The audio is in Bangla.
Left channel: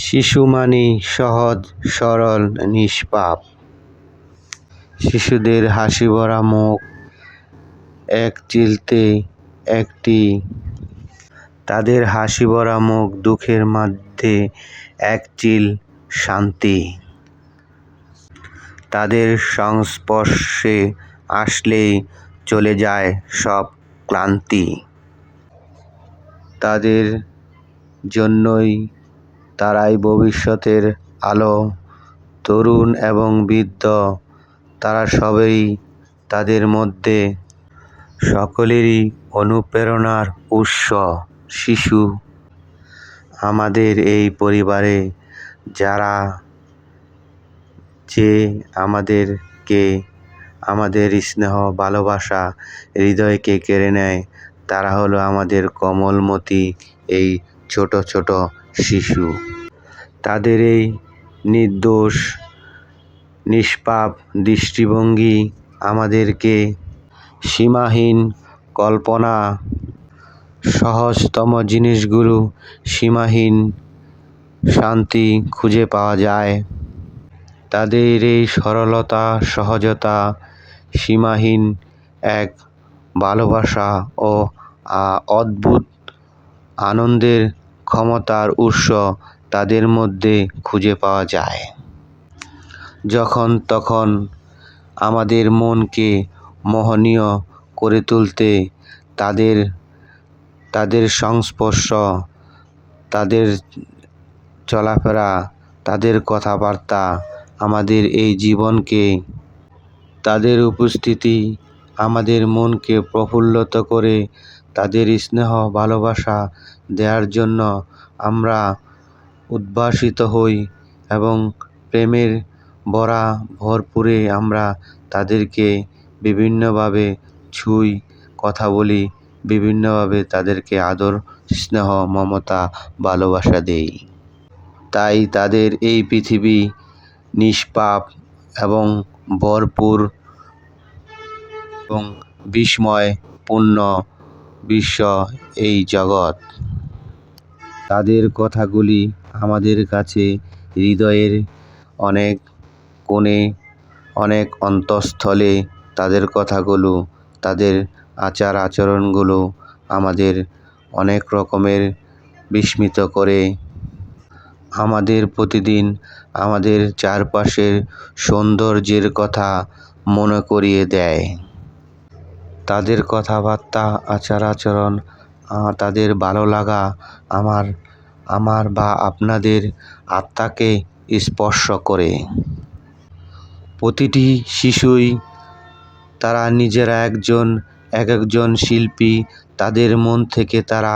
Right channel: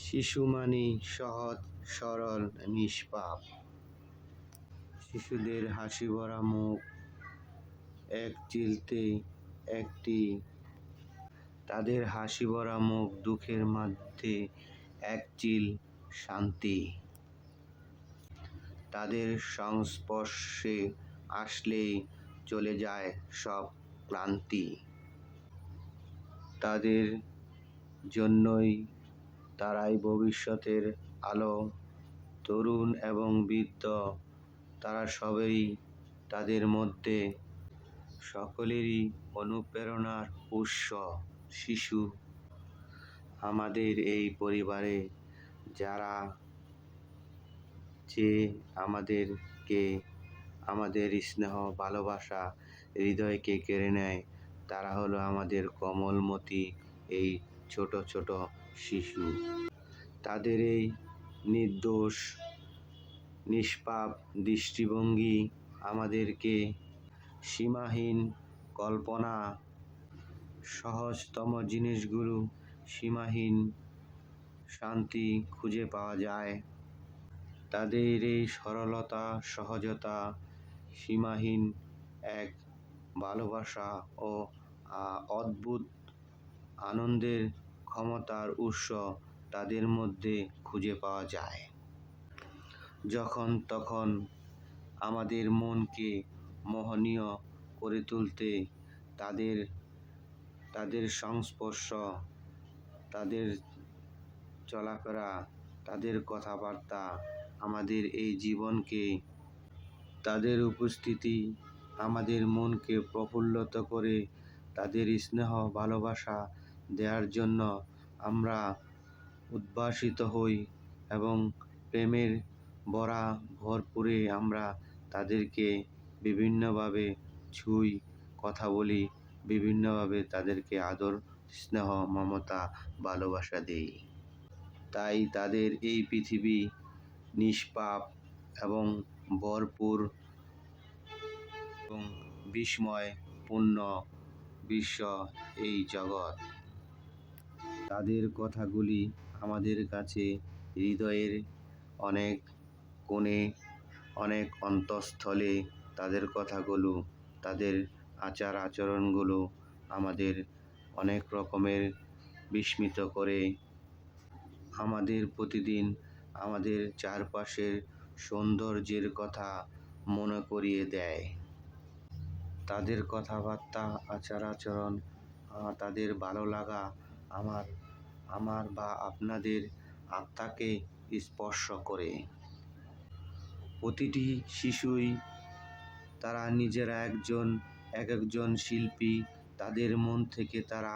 শিশু মানে সহজ, সরল, নিষ্পাপ। শিশুদের হাসি ভরা মুখ, এক চিলতে একটি। তাদের হাসি ভরা মুখ, দুঃখের মধ্যে এক চিল শান্তি। তাদের সংস্পর্শে আসলেই চলে যায় সব ক্লান্তি। তাদের জন্যই তারাই ভবিষ্যতের আলো, তরুণ এবং বৃদ্ধ। তারা সবেই তাদের মধ্যে সকলেরই অনুপ্রেরণার উৎস, শিশু। আমাদের এই পরিবারে যারা যে আমাদেরকে, আমাদের স্নেহ, ভালোবাসা, হৃদয়কে কেড়ে নেয়, তারা হলো আমাদের কোমলমতি এই ছোট ছোট শিশু। তাদের এই নির্দোষ, নিষ্পাপ দৃষ্টিভঙ্গি আমাদেরকে সীমাহীন কল্পনা, সহজতম জিনিসগুলো সীমাহীন শান্তি খুঁজে পাওয়া যায়। তাদের এই সরলতা, সহজতা সীমাহীন এক ভালোবাসা ও অদ্ভুত আনন্দের ক্ষমতার উৎস তাদের মধ্যে খুঁজে পাওয়া যায়। যখন তখন আমাদের মনকে মোহনীয় করে তুলতে তাদের তাদের সংস্পর্শ, তাদের চলাফেরা, তাদের কথাবার্তা, আমাদের এই জীবনকে, তাদের উপস্থিতি আমাদের মনকে প্রফুল্লত করে তাদের স্নেহ, ভালোবাসা দেওয়ার জন্য আমরা উদ্ভাসিত হই এবং প্রেমের ভরা ভরপুরে আমরা তাদেরকে বিভিন্নভাবে ছুঁই, কথা বলি, বিভিন্নভাবে তাদেরকে আদর, স্নেহ, মমতা, ভালোবাসা দেই। তাই তাদের এই পৃথিবী নিষ্পাপ এবং ভরপুর এবং বিস্ময়পূর্ণ। বিশ্ব এই জগৎ। তাদের কথাগুলি আমাদের কাছে হৃদয়ের অনেক কোণে, অনেক অন্তঃস্থলে তাদের কথাগুলো, তাদের আচার আচরণগুলো আমাদের অনেক রকমের বিস্মিত করে। আমাদের প্রতিদিন আমাদের চারপাশের সৌন্দর্যের কথা মনে করিয়ে দেয়। তাদের কথাবার্তা আচার আচরণ তাদের ভালো লাগা আমার আমার বা আপনাদের আত্মাকে স্পর্শ করে। প্রতিটি শিশুই, তারা নিজেরা একজন, এক একজন শিল্পী, তাদের মন থেকে তারা